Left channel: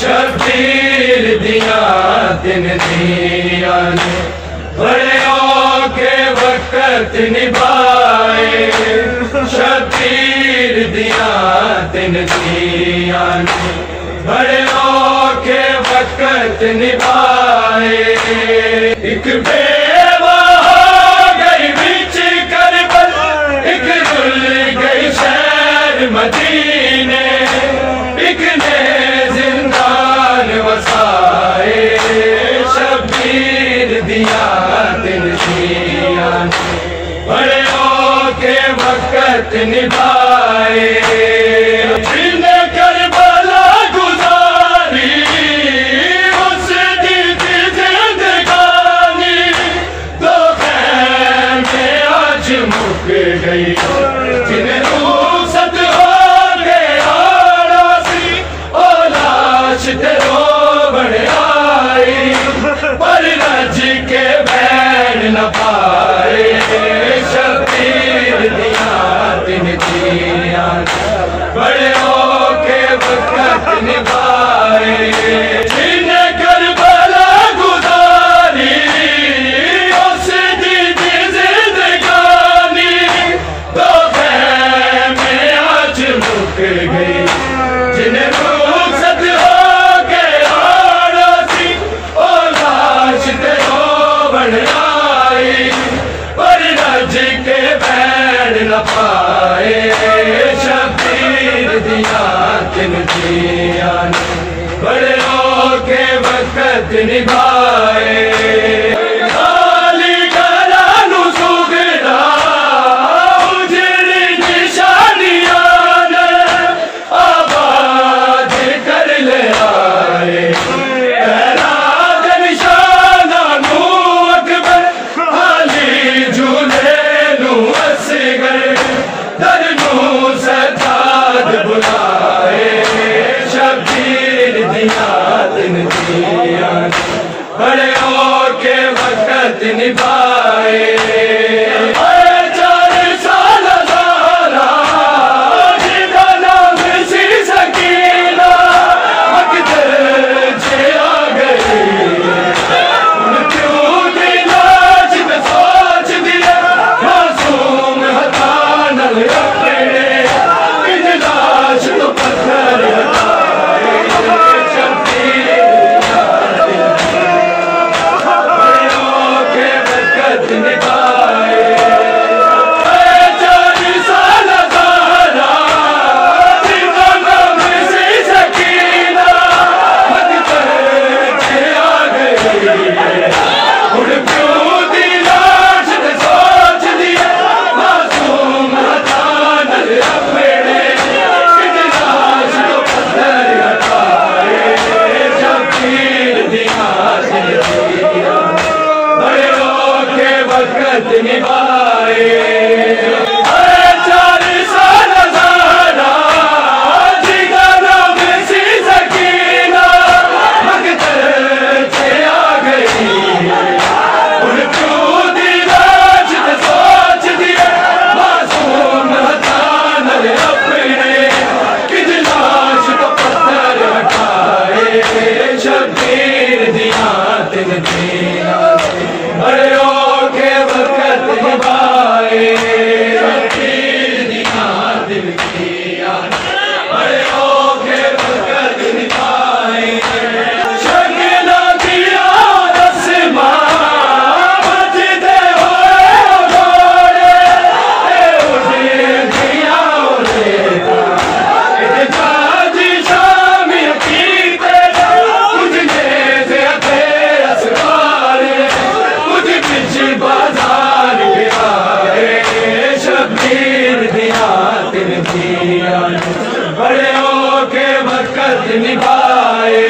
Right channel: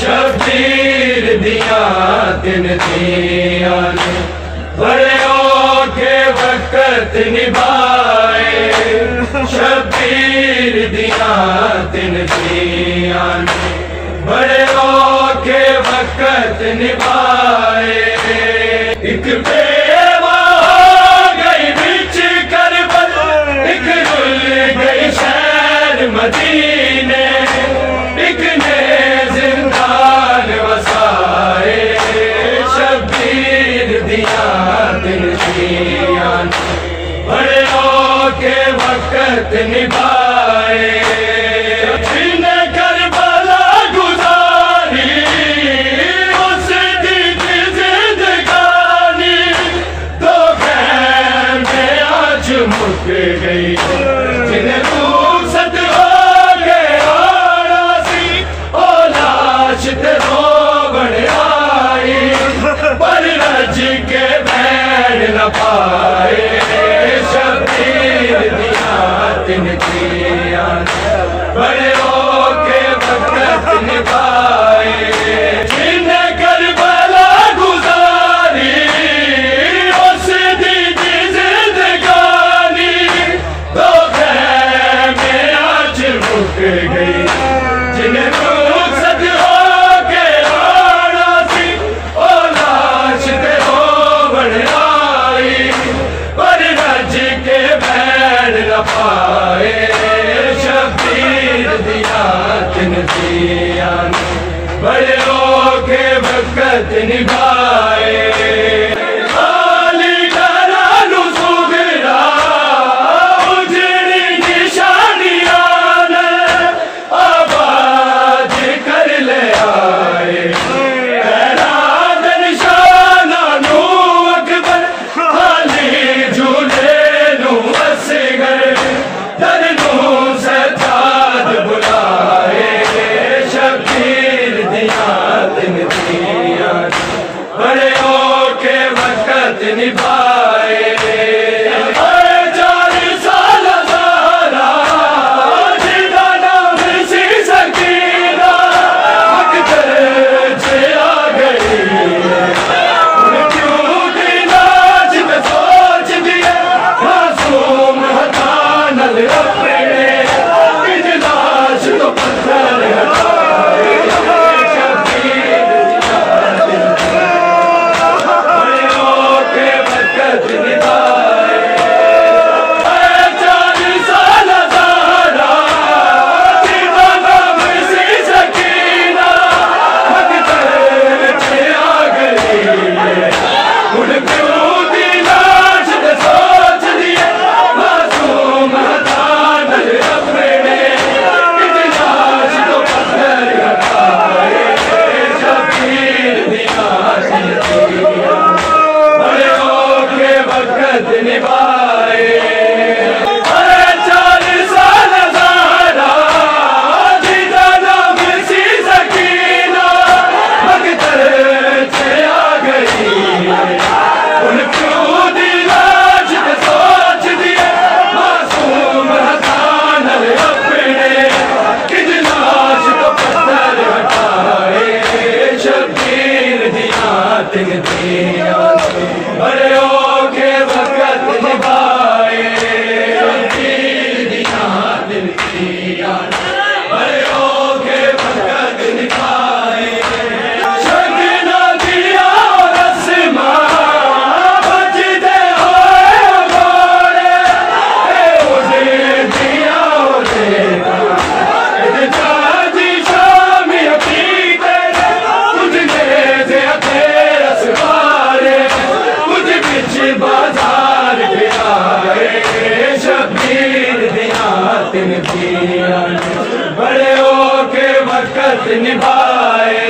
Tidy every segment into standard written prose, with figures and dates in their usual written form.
شبیر دیا دن دیا نے بڑوں کے وقت نبھائے، شبیر دیا دن دیا نے بڑوں کے وقت نبھائے، ایک بیوہ ہو گئی بچ کربل، ایک رل گئی شہر مدینے، ایک نے زندان وسائے، شبیر دیا دن دیا نے بڑوں کے وقت نبھائے، جن کربلا گزاری اس کی زندگانی، تو خیر میں آج مک گئی، جن روست ہو گیا راسی اولاش روبڑ آئی، پر رج کے بیٹھ نہ پائے، شبیر دیا دن دیا بڑوں کے وقت نبھائے، جن کربلا گزاری اس دی زندگانی، تو خیر میں آج رک گئی، جن رخصت ہو کے آنا سی اولاش روبڑ آئی، پر رج کے بیٹھ نہ پائے، شبیر دیا دن دیا بڑوں کے وقت نبھائے، خالی گھرانو سوگرا اجڑی نشانیاں نے آباد کر لے آئے، اعراض نشانہ نو اکبر حالی جھولے نو اصغر، در نو سجاد بلائے، شبیر دیا دن دیا بڑوں کے وقت نبھائے، بڑوں کے وقت نبھائے، شبیر دیا دن دیا بڑوں کے وقت نبھائے، شگنا دیا رسما بجتے ہوئے گھوڑے، اٹھ دیا لیتا اتجاجی شامی عقیدے، اجھنے سے اتے اسوارے، کچھ بچ بازار پھرائے، شبیر دیا دن دیا بڑوں کے وقت نبھائے،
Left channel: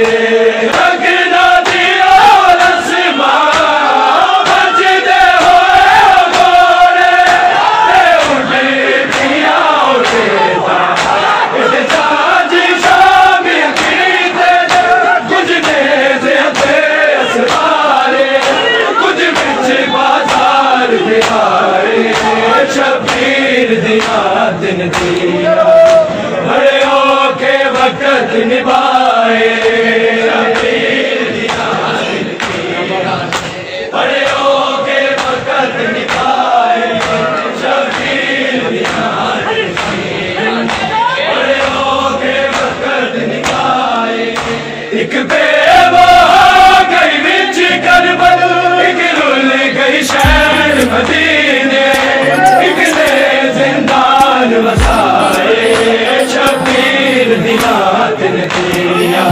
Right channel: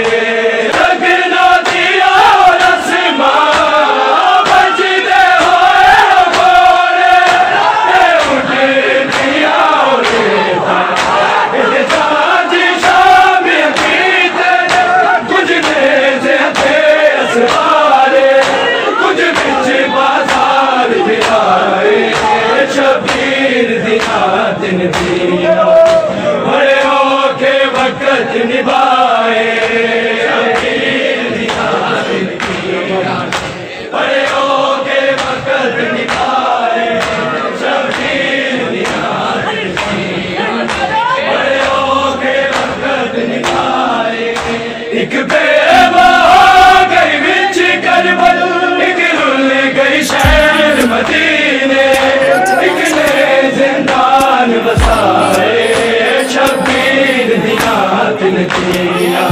رکھنا دیا رسما بجتے ہوئے گھوڑے، اٹھ دیا لیتا احتجاجی شامی عقیدے، گزرنے سے اتے اسوارے، کچھ بچ بازار پھرائے، دن دیا بڑے اوکھے وقت نبھائے بڑے اوکھے وقت نبھائے شبیر بڑے اوکھے وقت نبھائے ایک بیوہ گئی وچ کربل ایک رل گئی شہر مدینے ایک نے زندان وسائے شبیر دیا دن دیا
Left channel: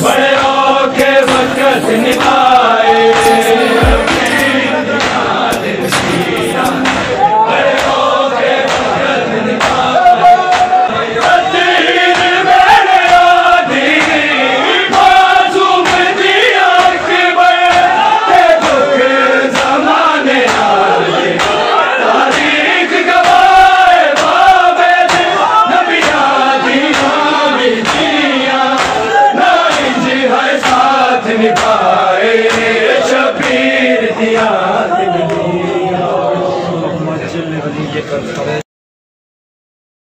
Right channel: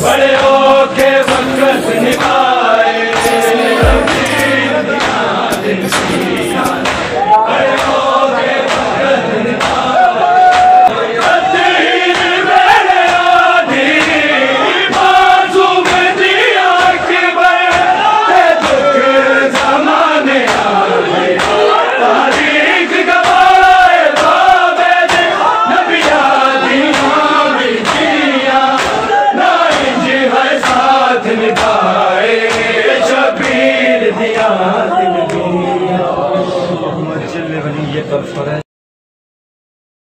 بڑے اوکھے وقت نبھائے شبیر دیا دن دیا